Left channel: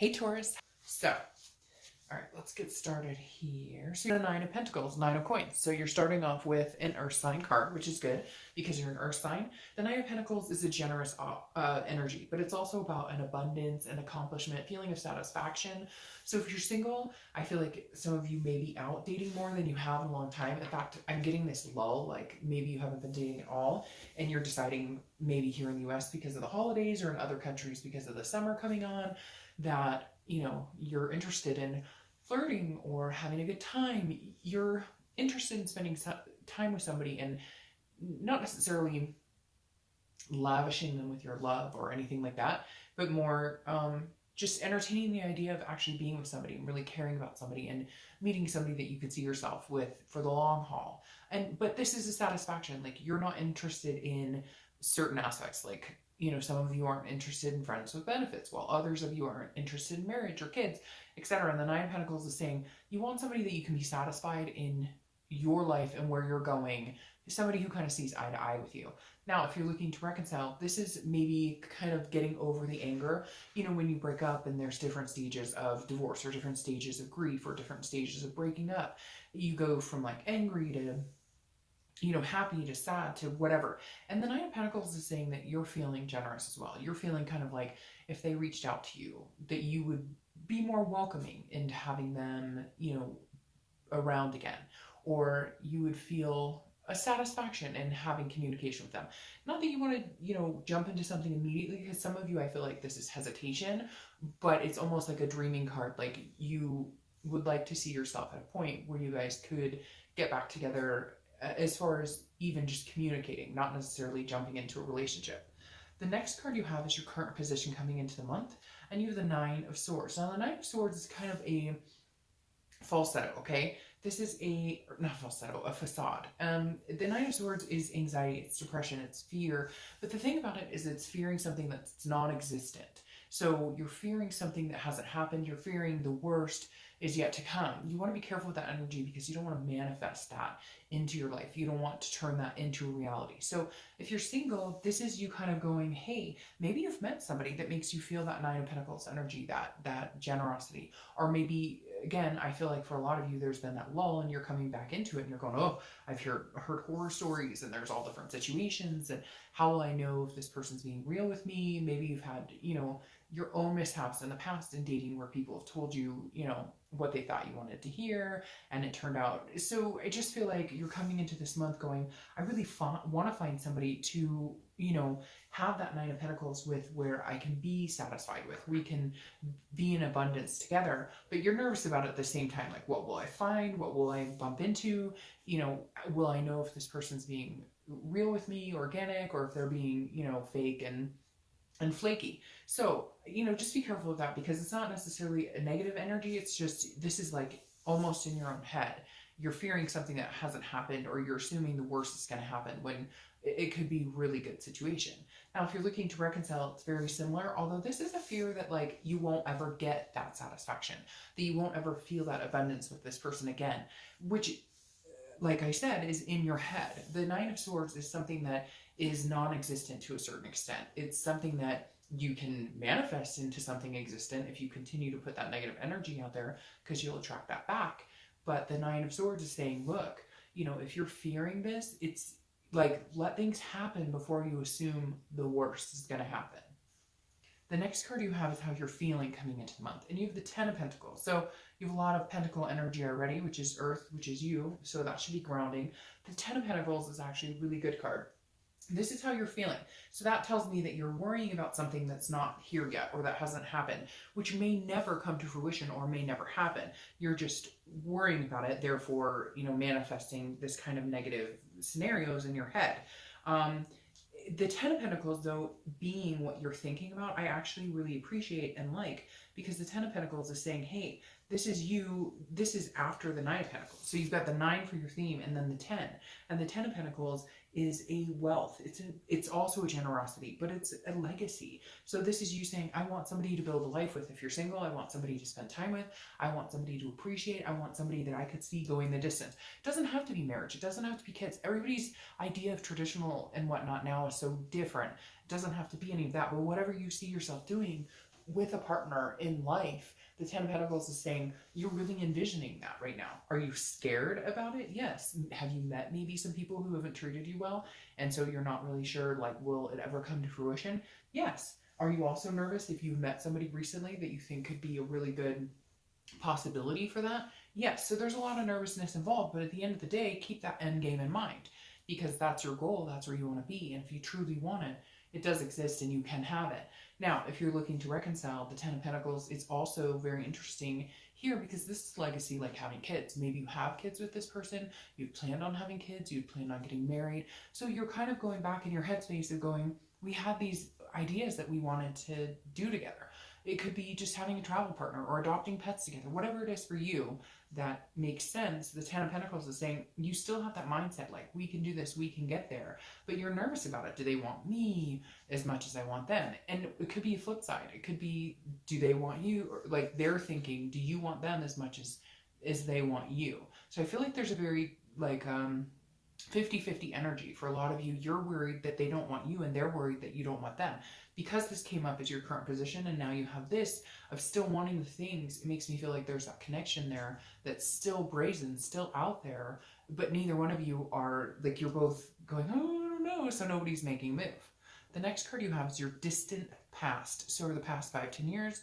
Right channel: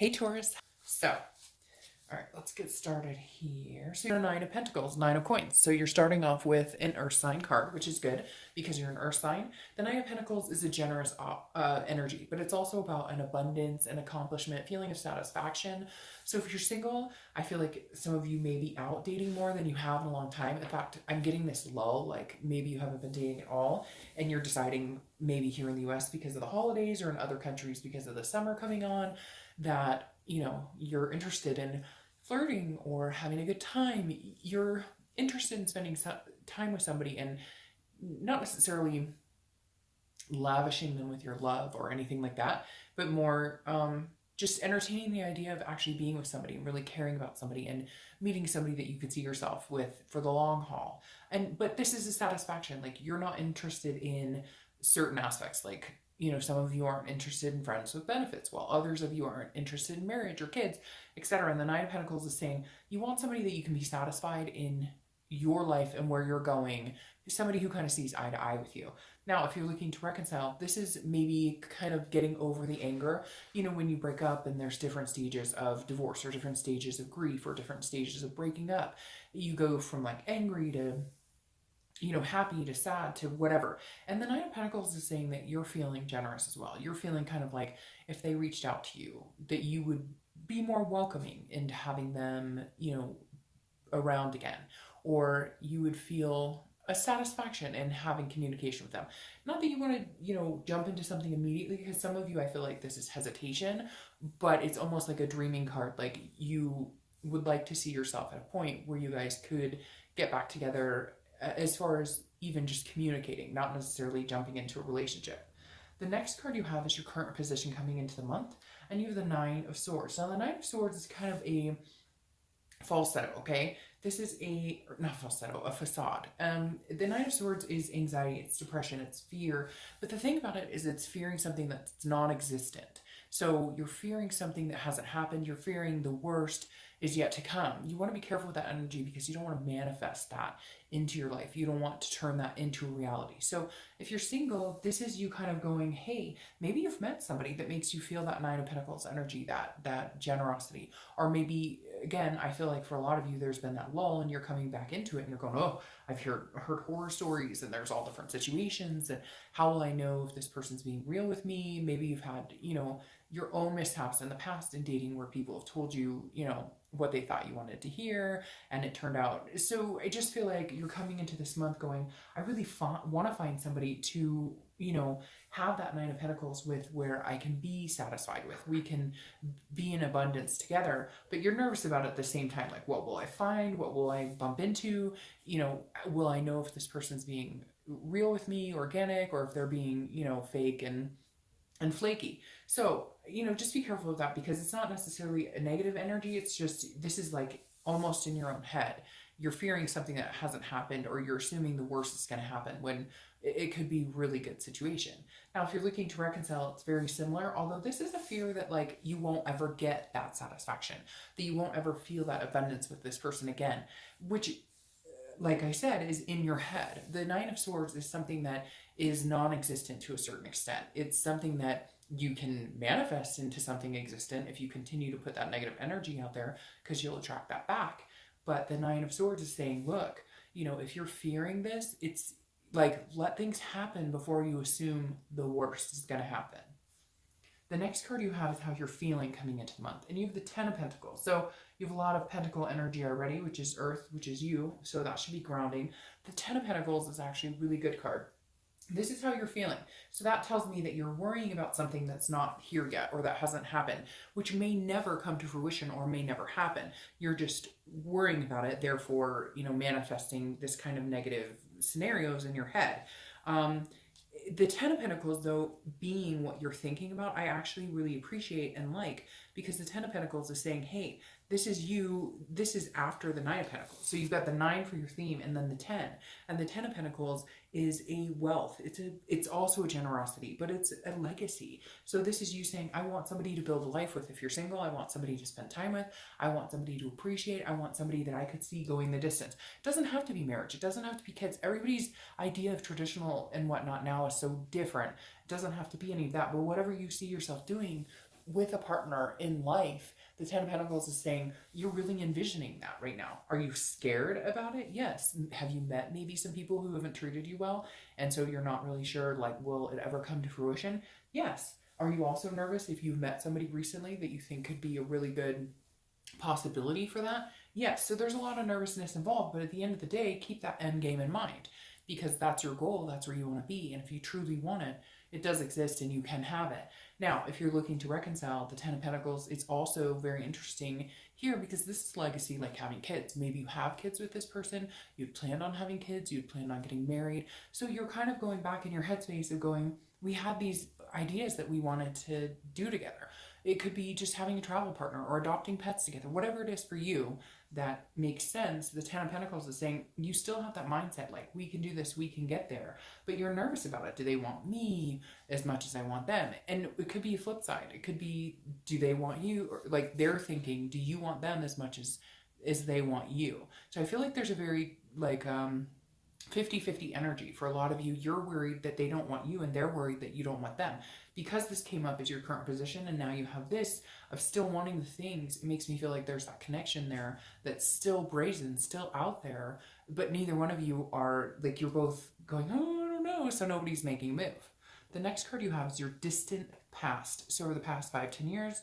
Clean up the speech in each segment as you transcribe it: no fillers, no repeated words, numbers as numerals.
Hey Taurus. So, all right, let's get started here. So, Nine of Pentacles, Nine of Coins. So you're starting off with an Earth sign card, which is good because you're an Earth sign. The Nine of Pentacles is a generous energy, but it's also about an abundance, an accomplishment, feeling of satisfaction. So if you're single, I feel like some of you may be out dating more than you have in a long time. In fact, I'm getting this lull, like maybe you haven't been dating at all, and you're deciding maybe here in the US because of the holidays or in other countries because of the summer coming on that you're interested in flirting or having a good time. You're interested in spending time with somebody and not necessarily lavishing them with your love or anything like that, but more just entertaining the idea of actually being with somebody and really caring about somebody and meeting somebody that you could see yourself with for the long haul. But this is a satisfaction. Like, you're not interested in certain aspects, like, some of you aren't interested in friends with benefits, while others of you aren't interested in marriage or kids, etc. And the Nine of Pentacles is saying you want somebody that you can be satisfied in your life and where you're going, somebody who kind of sees eye to eye with you. Now, if you're looking to reconcile, this is maybe kind of getting over the anger. When you break up and there's different stages of divorce or different stages of grief or different stages of breaking up, you go from like angry to happy to sad to whatever. And the Nine of Pentacles is saying that you're feeling generous as well. You're feeling kind of like if they reached out to you, that you would be more welcoming into having them, around again. Or you would feel a satisfaction in having communication with them. Not that you want to, jump into something immediately, because some of you, I feel like this is hesitation, but it's almost like a dreaming card. Like, you would like to see yourself at a point where you guys could get back together, as far as even just communicating, not necessarily jumping into a relationship. The next card you have is your current position coming into the month, and you have the Nine of Swords. Now, the Nine of Swords is kind of a falsetto, okay? This is not falsetto, a facade. The Nine of Swords is anxiety, it's depression, it's fear. But the thing about it is it's fearing something that's non-existent. So you're fearing something that hasn't happened. You're fearing the worst is yet to come. You want to be careful with that energy because you don't want to manifest that into your life. You don't want to turn that into reality. So if you're single, this is you kind of going, hey, maybe you've met somebody that makes you feel that Nine of Pentacles energy, that generosity. Or maybe, again, I feel like for a lot of you, there's been that lull and you're coming back into it and you're going, oh, I've heard horror stories and there's all different situations, and how will I know if this person's being real with me? Maybe you've had, your own mishaps in the past in dating where people have told you, what they thought you wanted to hear, and it turned out. So I just feel like you're coming into this month going, I really want to find somebody to, have that Nine of Pentacles with, where I can be satisfied with. We can be in abundance together, but you're nervous about it at the same time. Like, what will I find? What will I bump into? Will I know if this person's being real with me, organic, or if they're being, fake and flaky. So, just be careful of that, because it's not necessarily a negative energy. It's just, this is like almost in your own head. You're fearing something that hasn't happened, or you're assuming the worst is going to happen when it could be a really good situation. Now, if you're looking to reconcile, it's very similar, although this is a fear that like you won't ever get that satisfaction, that you won't ever feel that abundance with this person again, which, like I said, is in your head. The Nine of Swords is something that is non-existent to a certain extent. It's something that you can manifest into something existent if you continue to put that negative energy out there, because you'll attract that back. But the Nine of Swords is saying, look, if you're fearing this, it's like, let things happen before you assume the worst is going to happen. The next card you have is how you're feeling coming into the month, and you have the Ten of Pentacles. So you have a lot of pentacle energy already, which is Earth, which is you, so that should be grounding. The Ten of Pentacles is actually a really good card. This is how you're feeling. So that tells me that you're worrying about something that's not here yet, or that hasn't happened, which may never come to fruition or may never happen. You're just worrying about it, therefore, manifesting this kind of negative scenarios in your head. The Ten of Pentacles, though, being what you're thinking about, I actually really appreciate and like, because the Ten of Pentacles is saying, hey, this is you, this is after the Nine of Pentacles. So you've got the 9 for your theme and then the 10. And the 10 of Pentacles is a wealth. It's also a generosity, but it's a legacy. So this is you saying, I want somebody to build a life with. If you're single, I want somebody to spend time with. I want somebody to appreciate. I want somebody that I could see going the distance. It doesn't have to be marriage. It doesn't have to be kids. Everybody's idea of traditional and whatnot now is so different. It doesn't have to be any of that. But whatever you see yourself doing, with a partner in life, the Ten of Pentacles is saying you're really envisioning that right now. Are you scared about it? Yes. Have you met maybe some people who haven't treated you well, and so you're not really sure, like, will it ever come to fruition? Yes. Are you also nervous if you've met somebody recently that you think could be a really good possibility for that? Yes. So there's a lot of nervousness involved, but at the end of the day, keep that end game in mind, because that's your goal. That's where you want to be. And if you truly want it, it does exist and you can have it. Now, if you're looking to reconcile, the Ten of Pentacles is also very interesting here, because this is legacy, like having kids. Maybe you have kids with this person, you'd planned on having kids, you'd planned on getting married. So you're kind of going back in your headspace of going, we had these ideas that we wanted to do together. It could be just having a travel partner or adopting pets together, whatever it is for you that makes sense. The Ten of Pentacles is saying you still have that mindset, like, we can do this, we can get there, but you're nervous about it. Do they want me as much as I want them? And it could be a flip side. It could be, do they want you? Or like, they're thinking, do you want them as much as they want you? So I feel like there's a very like 50-50 energy for a lot of you. You're worried that they don't want you, and they're worried that you don't want them. Because this came up as your current position, and now you have this of still wanting the things, it makes me feel like there's that connection there that's still brazen, still out there, but neither one of you are, like, you're both going, oh, I don't know, so nobody's making a move. The next card you have is your distant past. So over the past 5-10 years,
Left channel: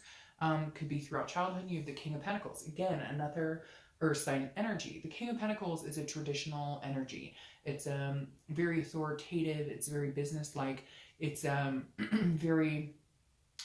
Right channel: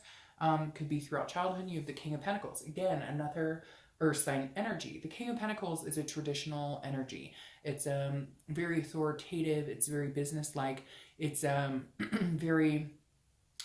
could be throughout childhood, you have the King of Pentacles. Again, another Earth sign energy. The King of Pentacles is a traditional energy. It's very authoritative. It's very business-like. It's very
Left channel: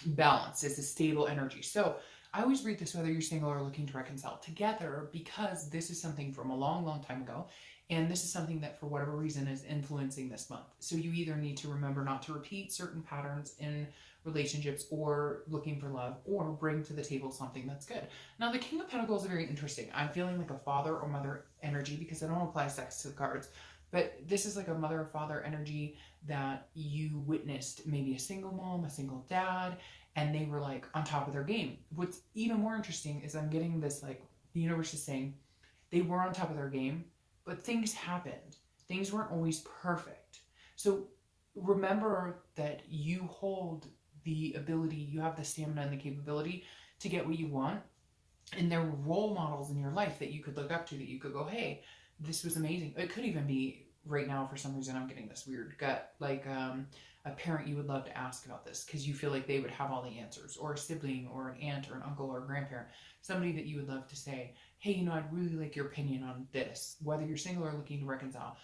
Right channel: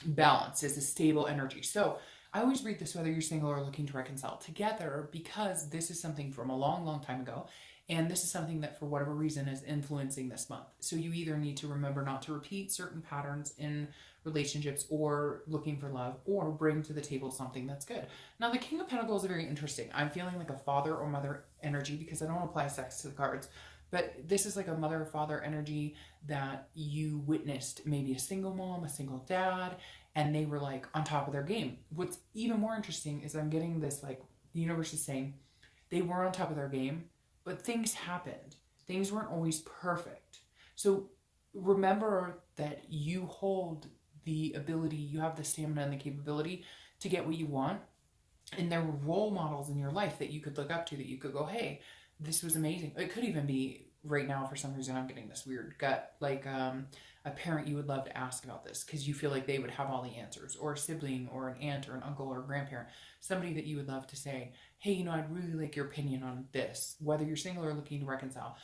balanced. It's a stable energy. So I always read this whether you're single or looking to reconcile together, because this is something from a long, long time ago. And this is something that, for whatever reason, is influencing this month. So you either need to remember not to repeat certain patterns in relationships, or looking for love, or bring to the table something that's good. Now, the King of Pentacles is very interesting. I'm feeling like a father or mother energy, because I don't apply sex to the cards. But this is like a mother or father energy that you witnessed, maybe a single mom, a single dad, and they were like on top of their game. What's even more interesting is I'm getting this, like, the universe is saying they were on top of their game, but things happened. Things weren't always perfect. So remember that you hold the ability, you have the stamina and the capability to get what you want. And there were role models in your life that you could look up to, that you could go, hey, this was amazing. It could even be right now, for some reason, I'm getting this weird gut, like a parent you would love to ask about this, because you feel like they would have all the answers, or a sibling, or an aunt, or an uncle, or a grandparent, somebody that you would love to say, hey, you know, I'd really like your opinion on this, whether you're single or looking to reconcile.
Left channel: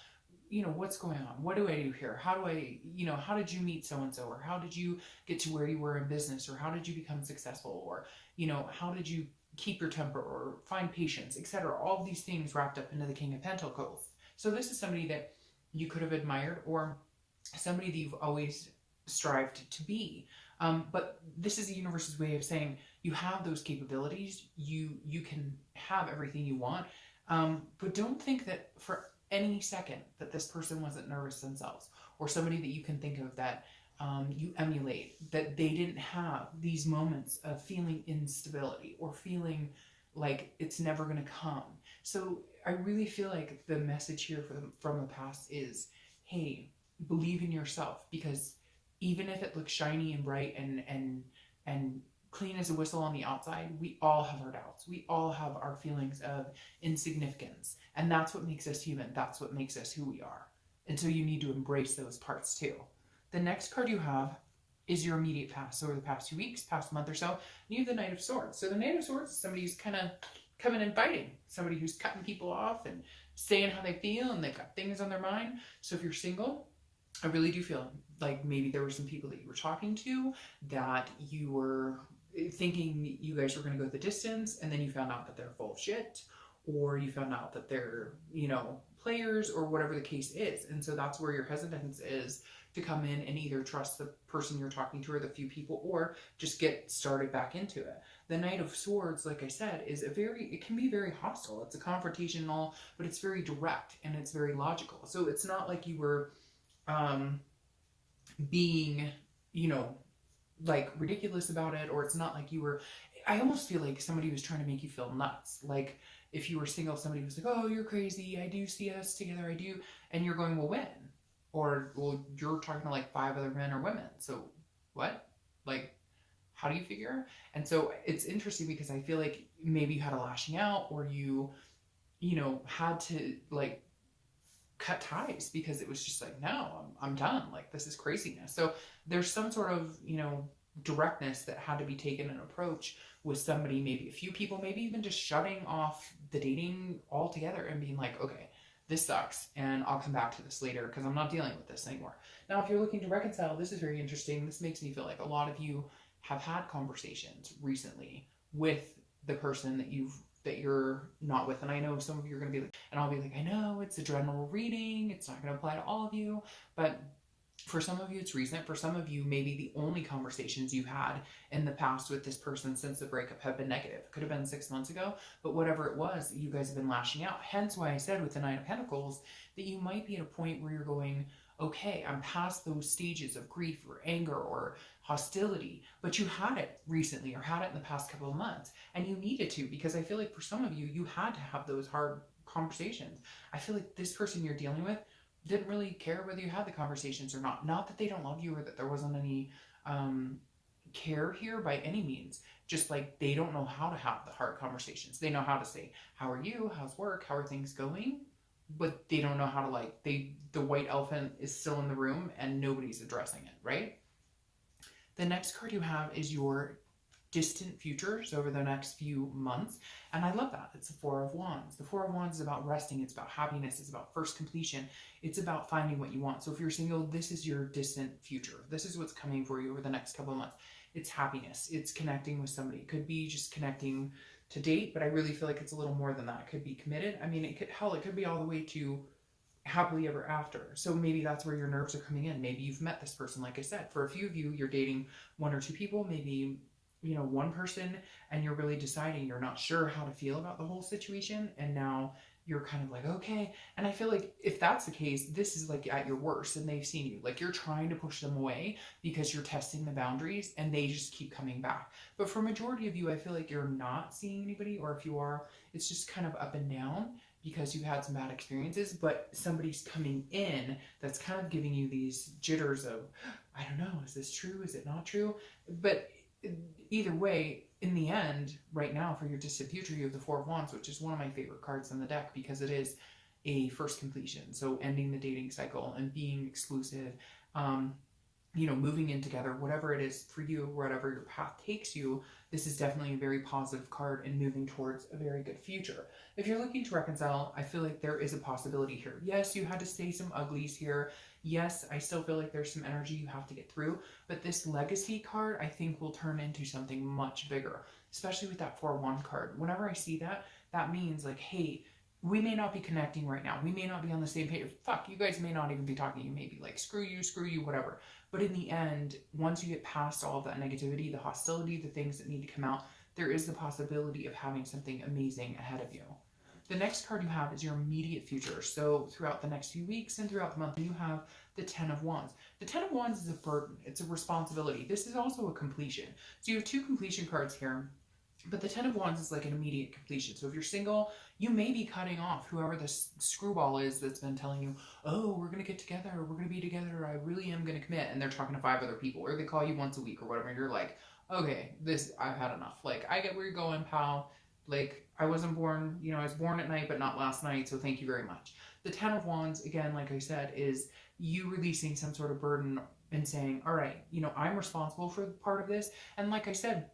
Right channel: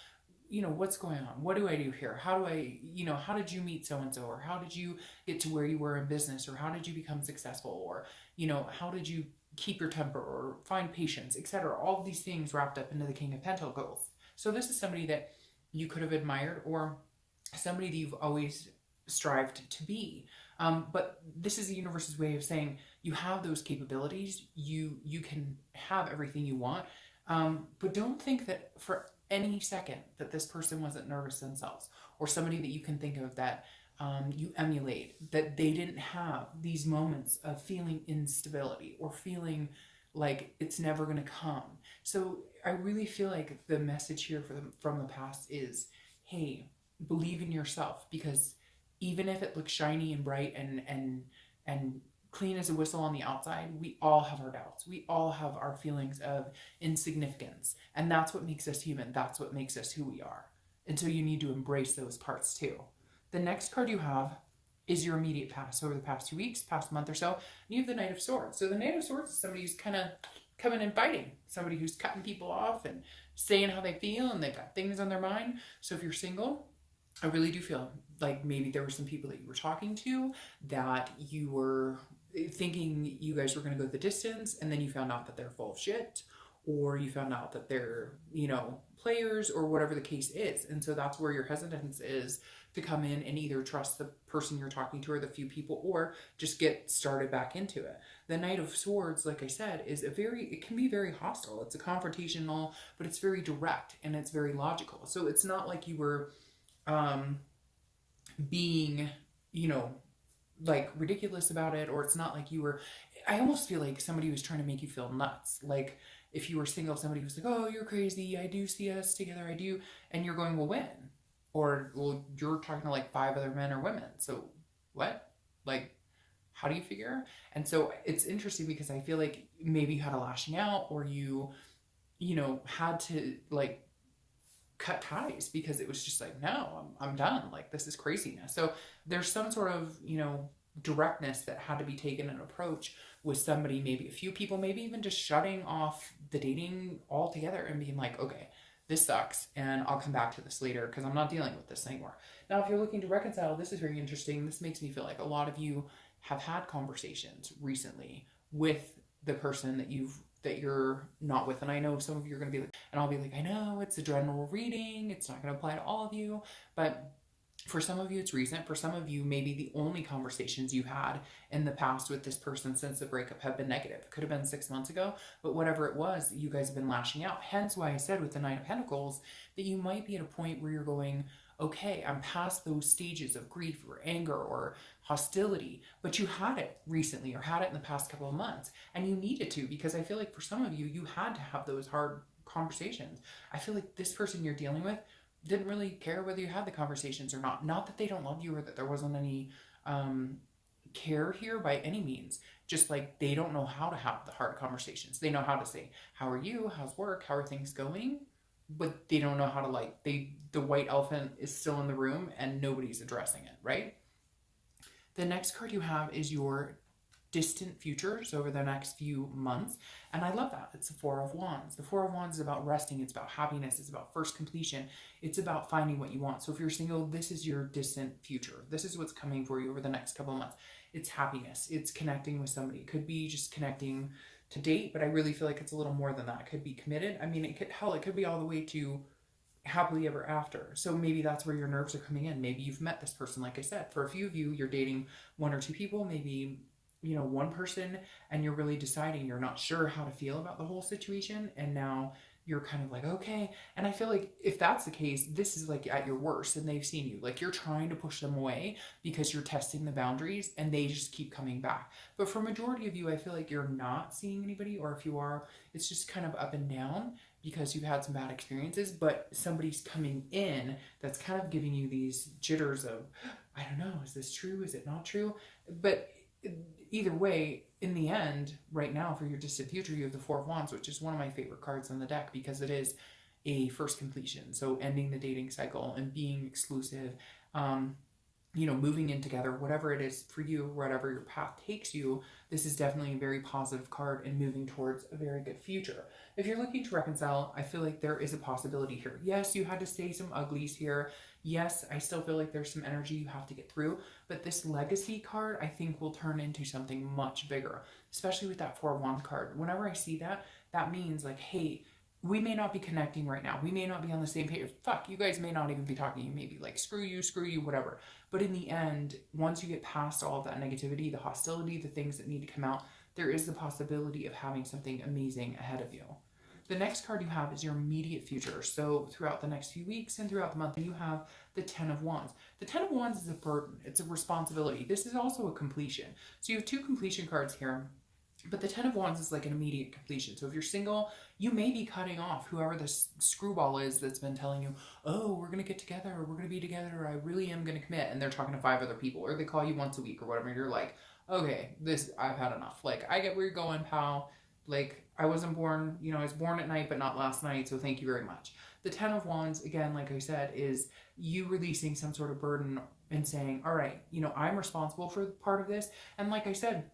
You know, what's going on? What do I do here? How do I, you know, how did you meet so-and-so? Or how did you get to where you were in business? Or how did you become successful? Or, you know, how did you keep your temper or find patience, etc.? All of these things wrapped up into the King of Pentacles. So this is somebody that you could have admired, or somebody that you've always strived to be. But this is the universe's way of saying you have those capabilities. You can have everything you want. But don't think that for any second that this person wasn't nervous themselves, or somebody that you can think of that you emulate, that they didn't have these moments of feeling instability or feeling like it's never going to come. So I really feel like the message here from the past is, hey, believe in yourself, because even if it looks shiny and bright and clean as a whistle on the outside, we all have our doubts. We all have our feelings of insignificance. And that's what makes us human. That's what makes us who we are. And so you need to embrace those parts too. The next card you have is your immediate past. So over the past 2 weeks, past month or so, you have the Knight of Swords. So the Knight of Swords is somebody who's kind of coming and fighting. Somebody who's cutting people off and saying how they feel, and they've got things on their mind. So if you're single, I really do feel like maybe there were some people that you were talking to that you were thinking you guys were going to go the distance, and then you found out that they're full of shit, or you found out that they're, you know, players, or whatever the case is. And so that's where your hesitance is to come in and either trust the person you're talking to or the few people, or just get started back into it. The Knight of Swords, like I said, is it can be very hostile. It's a confrontational, but it's very direct and it's very logical. So it's not like you were being, you know, like ridiculous about it, or it's not like you were, I almost feel like somebody was trying to make you feel nuts. Like if you were single, somebody was like, oh, you're crazy, I do see us together, I do. And you're going, well, when? Or, well, you're talking to like 5 other men or women. So what? Like, how do you figure? And so it's interesting because I feel like maybe you had a lashing out, or you know, had to like cut ties because it was just like, no, I'm done. Like, this is craziness. So there's some sort of, you know, directness that had to be taken, an approach with somebody, maybe a few people, maybe even just shutting off the dating altogether and being like, okay, this sucks and I'll come back to this later because I'm not dealing with this anymore. Now, if you're looking to reconcile, this is very interesting. This makes me feel like a lot of you have had conversations recently with the person that you're not with. And I know some of you are going to be like, and I'll be like, I know it's a general reading, it's not going to apply to all of you, but for some of you it's recent. For some of you, maybe the only conversations you've had in the past with this person since the breakup have been negative. Could have been 6 months ago, but whatever it was, you guys have been lashing out. Hence why I said with the Nine of Pentacles that you might be at a point where you're going, okay, I'm past those stages of grief or anger or hostility, but you had it recently or had it in the past couple of months, and you needed to, because I feel like for some of you, you had to have those hard conversations. I feel like this person you're dealing with didn't really care whether you had the conversations or not. Not that they don't love you or that there wasn't any care here by any means. Just like they don't know how to have the hard conversations. They know how to say, how are you? How's work? How are things going? But they don't know how to, like, the white elephant is still in the room and nobody's addressing it, right? The next card you have is your distant futures over the next few months. And I love that. It's the Four of Wands. The Four of Wands is about resting. It's about happiness. It's about first completion. It's about finding what you want. So if you're single, this is your distant future. This is what's coming for you over the next couple of months. It's happiness. It's connecting with somebody. It could be just connecting to date, but I really feel like it's a little more than that. It could be committed. I mean, it could be all the way to happily ever after. So maybe that's where your nerves are coming in. Maybe you've met this person. Like I said, for a few of you, you're dating one or two people, maybe, you know, one person, and you're really deciding, you're not sure how to feel about the whole situation, and now you're kind of like, okay. And I feel like if that's the case, this is like at your worst, and they've seen you, like you're trying to push them away because you're testing the boundaries and they just keep coming back. But for majority of you, I feel like you're not seeing anybody, or if you are, it's just kind of up and down because you've had some bad experiences, but somebody's coming in that's kind of giving you these jitters of, I don't know, is this true? Is it not true? But either way, in the end, right now for your distant future, you have the Four of Wands, which is one of my favorite cards in the deck because it is a first completion. So ending the dating cycle and being exclusive, you know, moving in together, whatever it is for you, whatever your path takes you, this is definitely a very positive card and moving towards a very good future. If you're looking to reconcile, I feel like there is a possibility here. Yes, you had to stay some uglies here. Yes, I still feel like there's some energy you have to get through, but this legacy card, I think, will turn into something much bigger, especially with that Four of Wands card. Whenever I see that, that means like, hey, we may not be connecting right now. We may not be on the same page. Fuck, you guys may not even be talking. You may be like, screw you, whatever. But in the end, once you get past all of that negativity, the hostility, the things that need to come out, there is the possibility of having something amazing ahead of you. The next card you have is your immediate future. So throughout the next few weeks and throughout the month, you have the Ten of Wands. The Ten of Wands is a burden. It's a responsibility. This is also a completion. So you have two completion cards here. But the Ten of Wands is like an immediate completion. So if you're single, you may be cutting off whoever this screwball is that's been telling you, oh, we're going to get together, or we're going to be together, or I really am going to commit. And they're talking to 5 other people, or they call you once a week or whatever. And you're like, okay, I've had enough. Like, I get where you're going, pal. Like, I wasn't born, you know, I was born at night, but not last night. So thank you very much. The Ten of Wands, again, like I said, is you releasing some sort of burden and saying, all right, you know, I'm responsible for part of this. And like I said,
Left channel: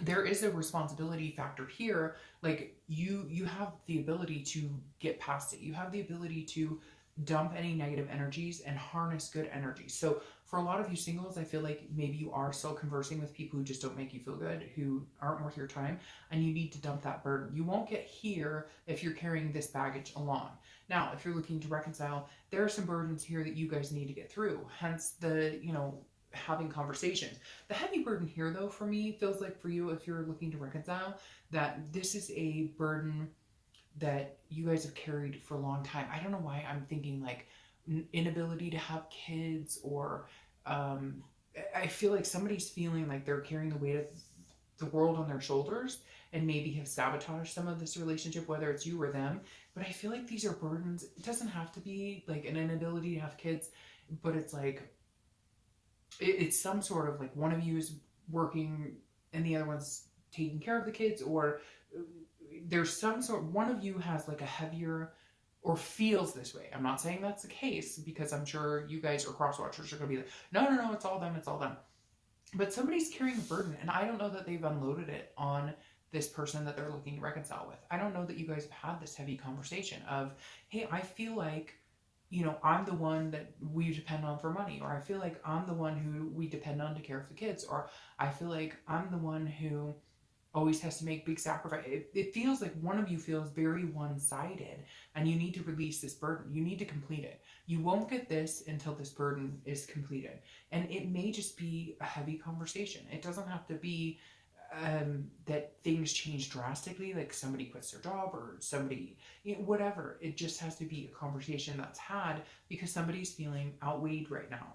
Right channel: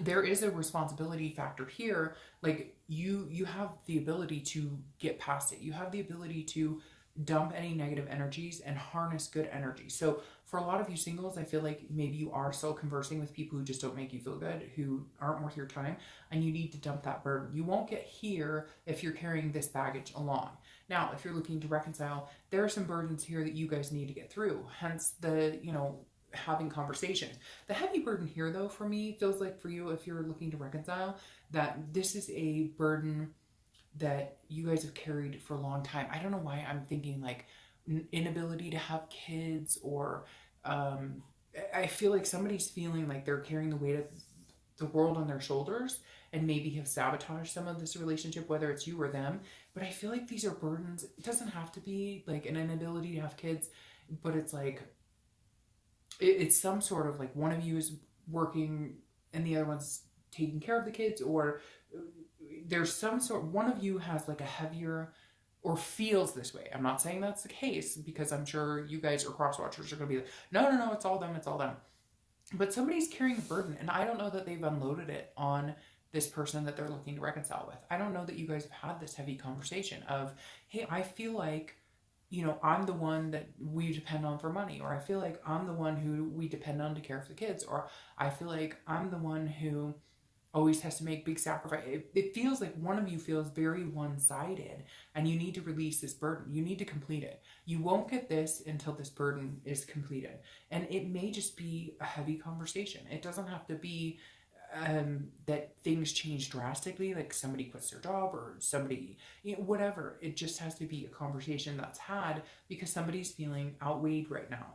there is a responsibility factor here. Like you have the ability to get past it. You have the ability to dump any negative energies and harness good energy. So for a lot of you singles, I feel like maybe you are still conversing with people who just don't make you feel good, who aren't worth your time, and you need to dump that burden. You won't get here if you're carrying this baggage along. Now, if you're looking to reconcile, there are some burdens here that you guys need to get through. Hence the, you know, having conversations. The heavy burden here, though, for me, feels like for you, if you're looking to reconcile, that this is a burden that you guys have carried for a long time. I don't know why I'm thinking like inability to have kids, or I feel like somebody's feeling like they're carrying the weight of the world on their shoulders and maybe have sabotaged some of this relationship, whether it's you or them. But I feel like these are burdens. It doesn't have to be like an inability to have kids, but it's like, it's some sort of like one of you is working and the other one's taking care of the kids, or there's some sort, one of you has like a heavier or feels this way. I'm not saying that's the case, because I'm sure you guys are cross watchers are going to be like, no, it's all them, it's all them. But somebody's carrying a burden, and I don't know that they've unloaded it on this person that they're looking to reconcile with. I don't know that you guys have had this heavy conversation of, hey, I feel like, I'm the one that we depend on for money, or I feel like I'm the one who we depend on to care for the kids, or I feel like I'm the one who always has to make big sacrifice. It feels like one of you feels very one-sided, and you need to release this burden. You need to complete it. You won't get this until this burden is completed. And it may just be a heavy conversation. It doesn't have to be that things change drastically, like somebody quits their job or somebody, whatever. It just has to be a conversation that's had because somebody's feeling outweighed right now.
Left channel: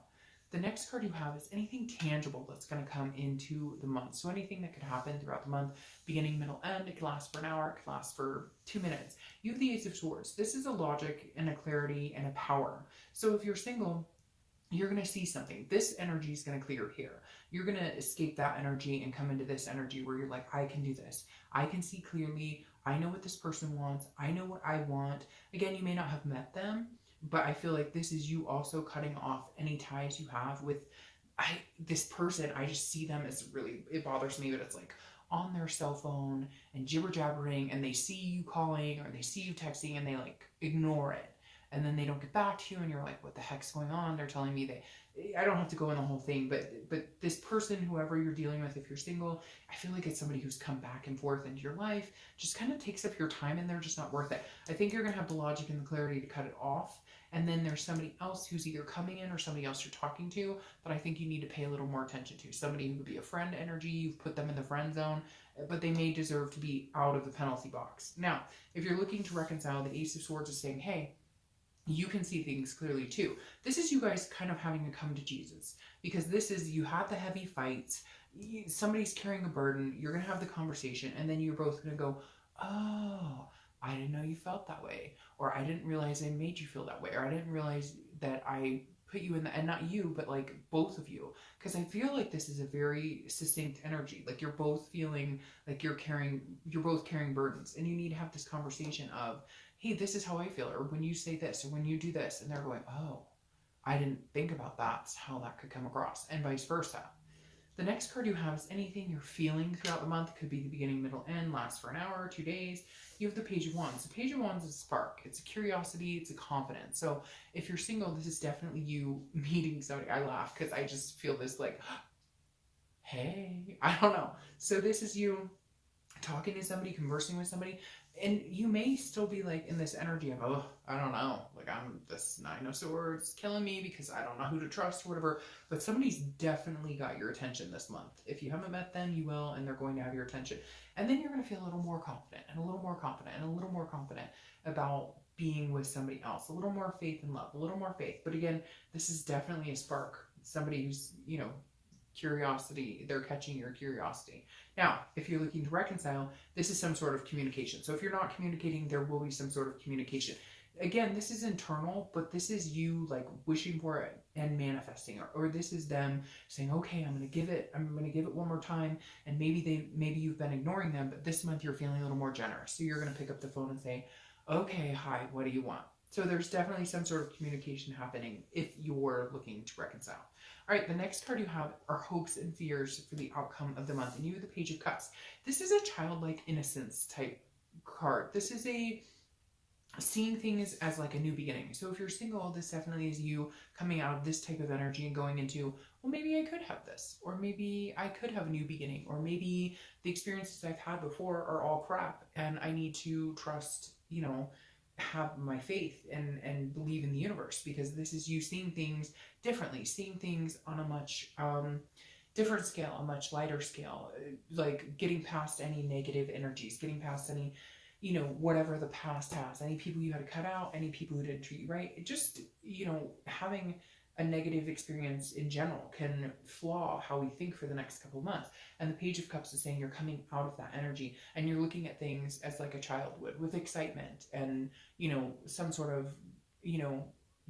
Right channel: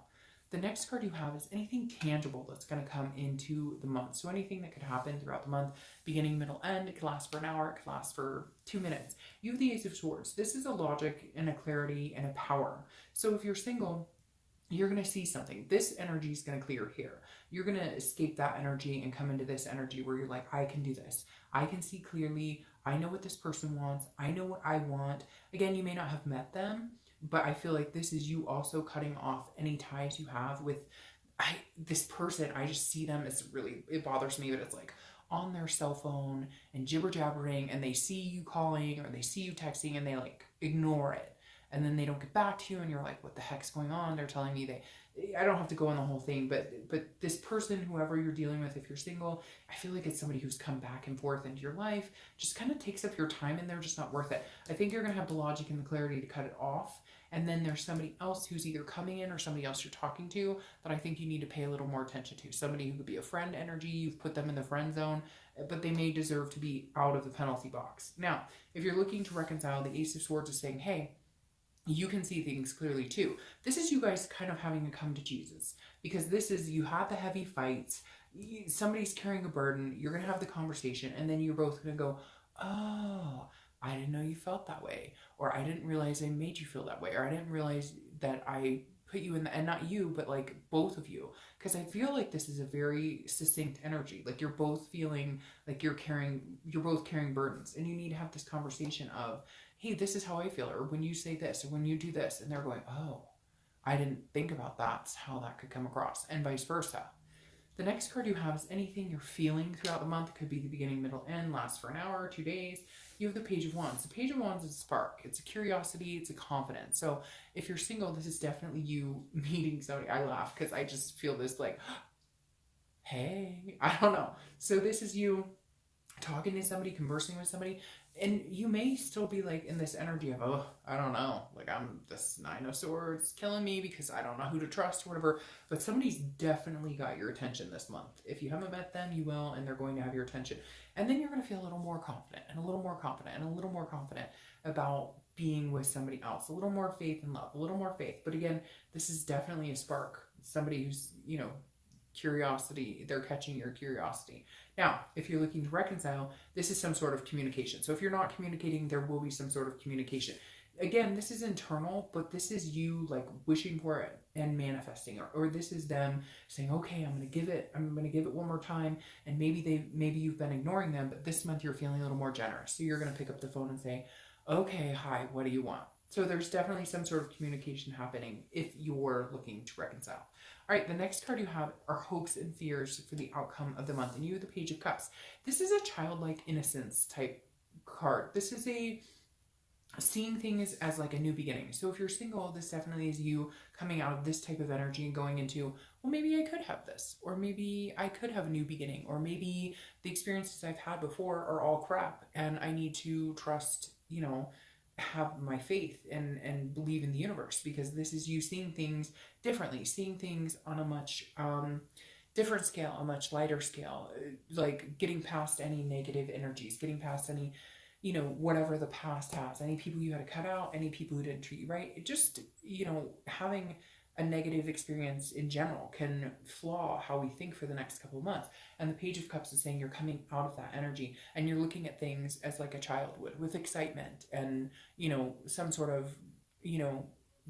The next card you have is anything tangible that's going to come into the month. So anything that could happen throughout the month, beginning, middle, end. It could last for an hour. It could last for 2 minutes. You have the Ace of Swords. This is a logic and a clarity and a power. So if you're single, you're going to see something. This energy is going to clear here. You're going to escape that energy and come into this energy where you're like, I can do this. I can see clearly. I know what this person wants. I know what I want. Again, you may not have met them, but I feel like this is you also cutting off any ties you have with this person. I just see them as really, it bothers me that it's like on their cell phone and jibber jabbering, and they see you calling or they see you texting and they like ignore it. And then they don't get back to you and you're like, what the heck's going on? They're telling me I don't have to go in the whole thing, but this person, whoever you're dealing with, if you're single, I feel like it's somebody who's come back and forth into your life, just kind of takes up your time, and they're just not worth it. I think you're going to have the logic and the clarity to cut it off. And then there's somebody else who's either coming in or somebody else you're talking to that I think you need to pay a little more attention to. Somebody who could be a friend energy, you've put them in the friend zone, but they may deserve to be out of the penalty box. Now, if you're looking to reconcile, the Ace of Swords is saying, hey, you can see things clearly too. This is you guys kind of having to come to Jesus, because this is, you had the heavy fights, somebody's carrying a burden, you're going to have the conversation, and then you're both going to go, oh, I didn't know you felt that way, or I didn't realize I made you feel that way, or I didn't realize that I put you in the, and not you, but like both of you, because I feel like this is a very succinct energy. Like you're both feeling like you're both carrying burdens, and you need to have this conversation of, hey, this is how I feel, or when you say this, or when you do this, and they're going, oh, I didn't think about that, how that could come across, and vice versa. The next card you have is anything you're feeling throughout the month. It could be the beginning, middle, end, lasts for an hour, 2 days. You have the Page of Wands. The Page of Wands is a spark. It's a curiosity. It's a confidence. So if you're single, this is definitely you meeting somebody. I laugh because I just feel this like, hey, I don't know. So this is you talking to somebody, conversing with somebody, and you may still be like in this energy of, oh, I don't know, like I'm this 9 of Swords killing me because I don't know who to trust or whatever, but somebody's definitely got your attention this month. If you haven't met them, you will, and they're going to have your attention. And then you're going to feel a little more confident and a little more confident and a little more confident about being with somebody else, a little more faith and love, a little more faith. But again, this is definitely a spark, somebody who's, curiosity, they're catching your curiosity. Now, if you're looking to reconcile, this is some sort of communication. So if you're not communicating, there will be some sort of communication. Again, this is internal, but this is you like wishing for it and manifesting it. Or this is them saying, okay, I'm going to give it one more time. And maybe you've been ignoring them, but this month you're feeling a little more generous. So you're going to pick up the phone and say, okay, hi, what do you want? So there's definitely some sort of communication happening if you're looking to reconcile. All right, the next card you have are hopes and fears for the outcome of the month. And you have the Page of Cups. This is a childlike innocence type card. This is a seeing things as like a new beginning. So if you're single, this definitely is you coming out of this type of energy and going into, well, maybe I could have this, or maybe I could have a new beginning, or maybe the experiences I've had before are all crap and I need to trust, have my faith and believe in the universe, because this is you seeing things differently, seeing things on a much different scale, a much lighter scale, like getting past any negative energies, getting past any, whatever the past has, any people you had to cut out, any people who didn't treat you right. It just, having a negative experience in general can flaw how we think for the next couple of months. And the Page of Cups is saying you're coming out of that energy and you're looking at things as like a child would, with excitement and, some sort of,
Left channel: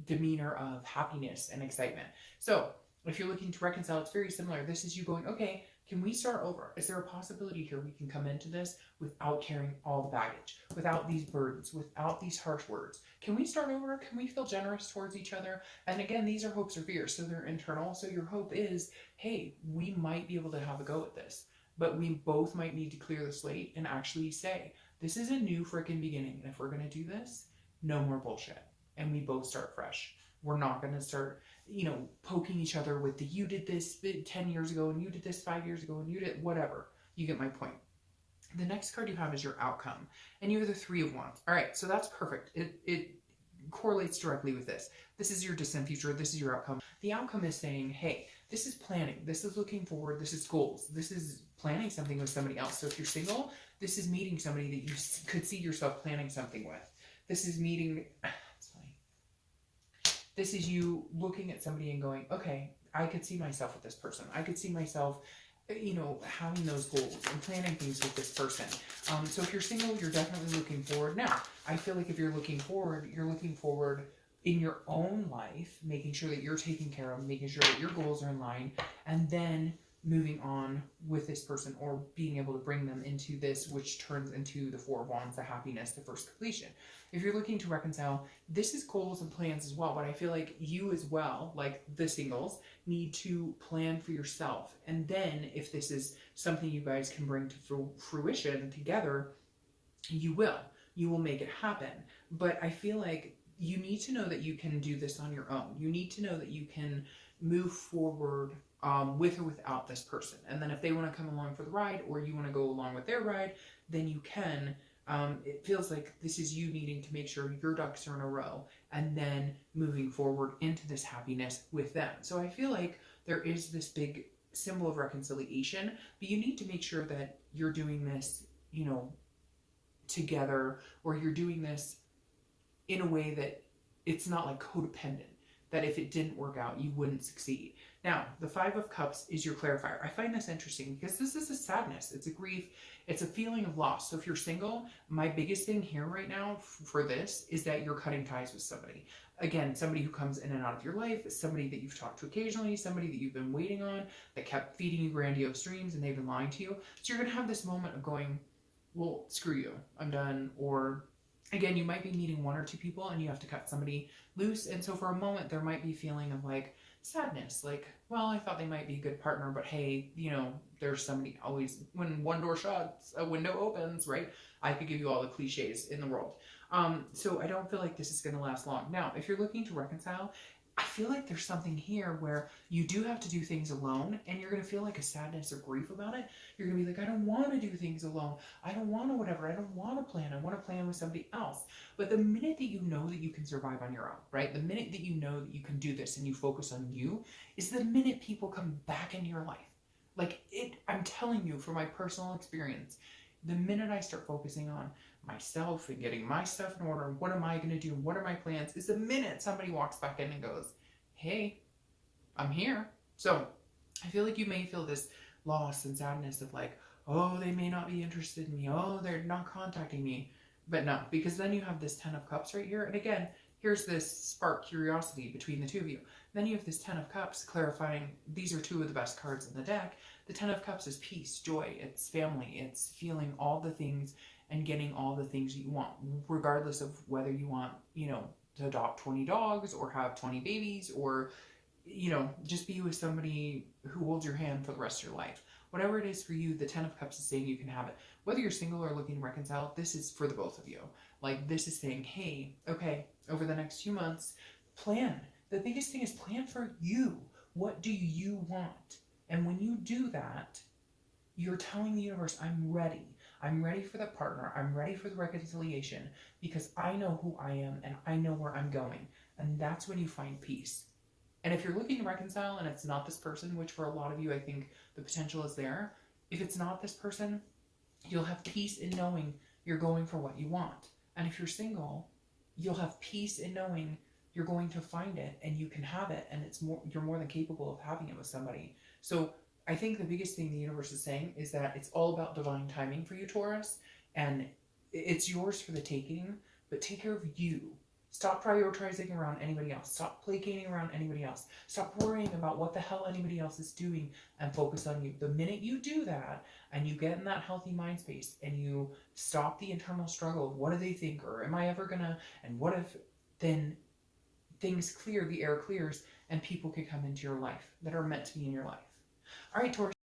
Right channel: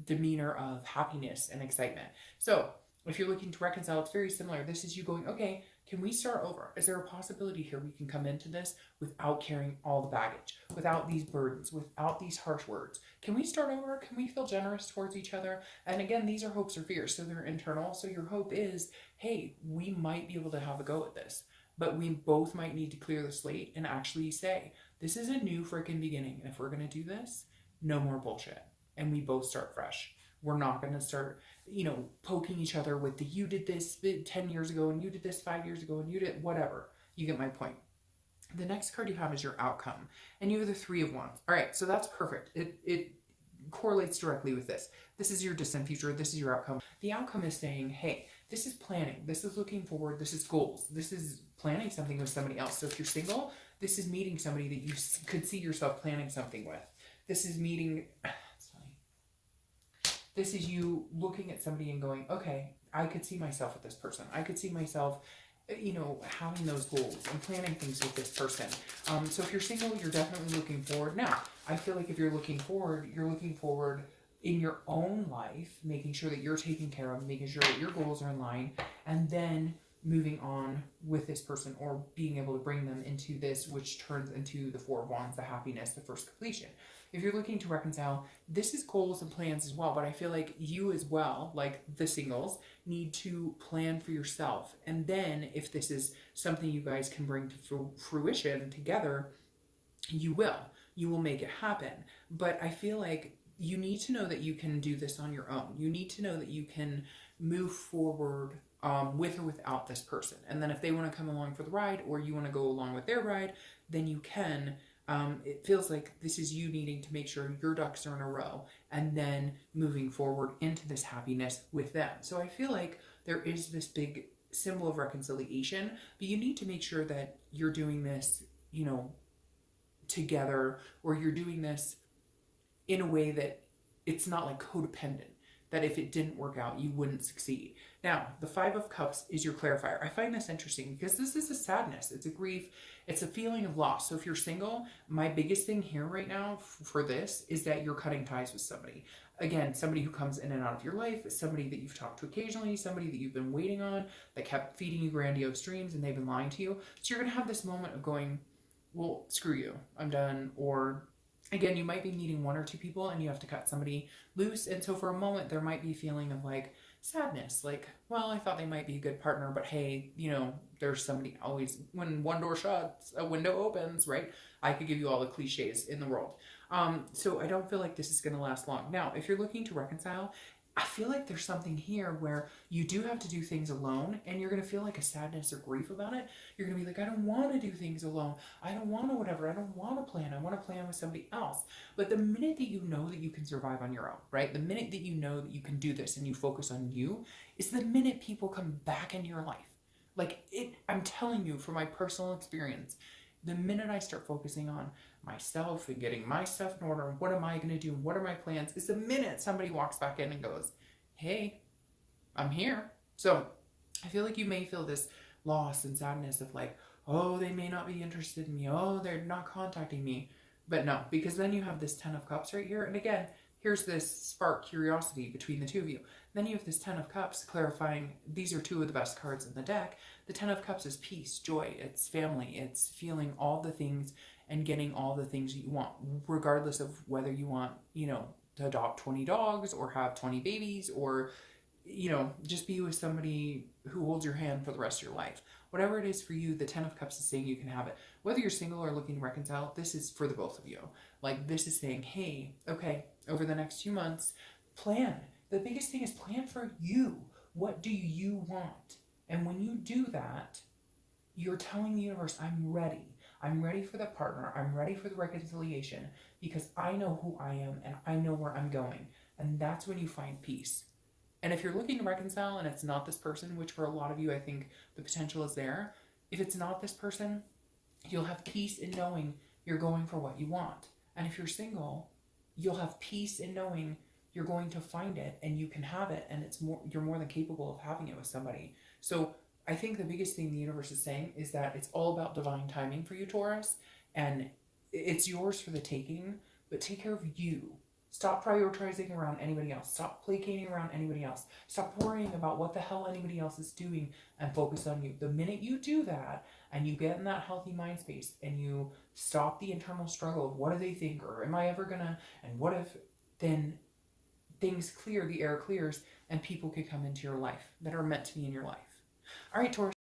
demeanor of happiness and excitement. So if you're looking to reconcile, it's very similar. This is you going, okay, Can we start over? Is there a possibility here we can come into this without carrying all the baggage, without these burdens, without these harsh words? Can we start over? Can we feel generous towards each other? And again, these are hopes or fears, so they're internal. So your hope is, hey, we might be able to have a go at this, but we both might need to clear the slate and actually say, this is a new freaking beginning. And if we're going to do this, no more bullshit. And we both start fresh. We're not going to start, poking each other with the, you did this 10 years ago and you did this 5 years ago and you did whatever. You get my point. The next card you have is your outcome, and you have the 3 of Wands. All right, so that's perfect. It correlates directly with this. This is your distant future. This is your outcome. The outcome is saying, hey, this is planning. This is looking forward. This is goals. This is planning something with somebody else. So if you're single, this is meeting somebody that you could see yourself planning something with. This is meeting, it's funny. This is you looking at somebody and going, okay, I could see myself with this person. I could see myself, having those goals and planning things with this person. So if you're single, you're definitely looking forward. Now, I feel like if you're looking forward in your own life, making sure that you're taken care of, making sure that your goals are in line, and then moving on with this person or being able to bring them into this, which turns into the 4 of Wands, the happiness, the first completion. If you're looking to reconcile, this is goals and plans as well, but I feel like you as well, like the singles, need to plan for yourself. And then if this is something you guys can bring to fruition together, you will make it happen. But I feel like you need to know that you can do this on your own. You need to know that you can move forward with or without this person. And then if they want to come along for the ride or you want to go along with their ride, then you can. It feels like this is you needing to make sure your ducks are in a row and then moving forward into this happiness with them. So I feel like there is this big symbol of reconciliation, but you need to make sure that you're doing this, together, or you're doing this in a way that it's not like codependent, that if it didn't work out, you wouldn't succeed. Now, the 5 of Cups is your clarifier. I find this interesting because this is a sadness. It's a grief. It's a feeling of loss. So if you're single, my biggest thing here right now for this is that you're cutting ties with somebody. Again, somebody who comes in and out of your life, somebody that you've talked to occasionally, somebody that you've been waiting on, that kept feeding you grandiose dreams and they've been lying to you. So you're going to have this moment of going, well, screw you, I'm done. Or again, you might be meeting 1 or 2 people and you have to cut somebody loose. And so for a moment, there might be a feeling of like sadness. Like, well, I thought they might be a good partner, but hey, there's somebody always, when one door shuts, a window opens, right? I could give you all the cliches in the world. So I don't feel like this is going to last long. Now, if you're looking to reconcile, I feel like there's something here where you do have to do things alone and you're going to feel like a sadness or grief about it. You're going to be like, I don't want to do things alone. I don't want to whatever. I don't want to plan. I want to plan with somebody else. But the minute that you know that you can survive on your own, right? The minute that you know that you can do this and you focus on you is the minute people come back into your life. Like I'm telling you from my personal experience, the minute I start focusing on myself and getting my stuff in order, what am I going to do? What are my plans? Is the minute somebody walks back in and goes, hey, I'm here. So I feel like you may feel this loss and sadness of like, oh, they may not be interested in me. Oh, they're not contacting me. But no, because then you have this 10 of Cups right here. And again, here's this spark curiosity between the 2 of you. Then you have this 10 of Cups clarifying these are 2 of the best cards in the deck. The 10 of Cups is peace, joy, it's family, it's feeling all the things and getting all the things that you want, regardless of whether you want, to adopt 20 dogs or have 20 babies or, just be with somebody who holds your hand for the rest of your life. Whatever it is for you, the 10 of Cups is saying you can have it. Whether you're single or looking to reconcile, this is for the both of you. Like this is saying, hey, okay, over the next few months, plan. The biggest thing is plan for you. What do you want? And when you do that, you're telling the universe, I'm ready. I'm ready for the partner. I'm ready for the reconciliation because I know who I am and I know where I'm going. And that's when you find peace. And if you're looking to reconcile and it's not this person, which for a lot of you, I think the potential is there. If it's not this person, you'll have peace in knowing you're going for what you want. And if you're single, you'll have peace in knowing you're going to find it and you can have it. And you're more than capable of having it with somebody. So I think the biggest thing the universe is saying is that it's all about divine timing for you, Taurus, and it's yours for the taking, but take care of you. Stop prioritizing around anybody else. Stop placating around anybody else. Stop worrying about what the hell anybody else is doing and focus on you. The minute you do that and you get in that healthy mind space and you stop the internal struggle of what do they think, or am I ever gonna, and what if, then things clear, the air clears, and people can come into your life that are meant to be in your life. All right, Taurus.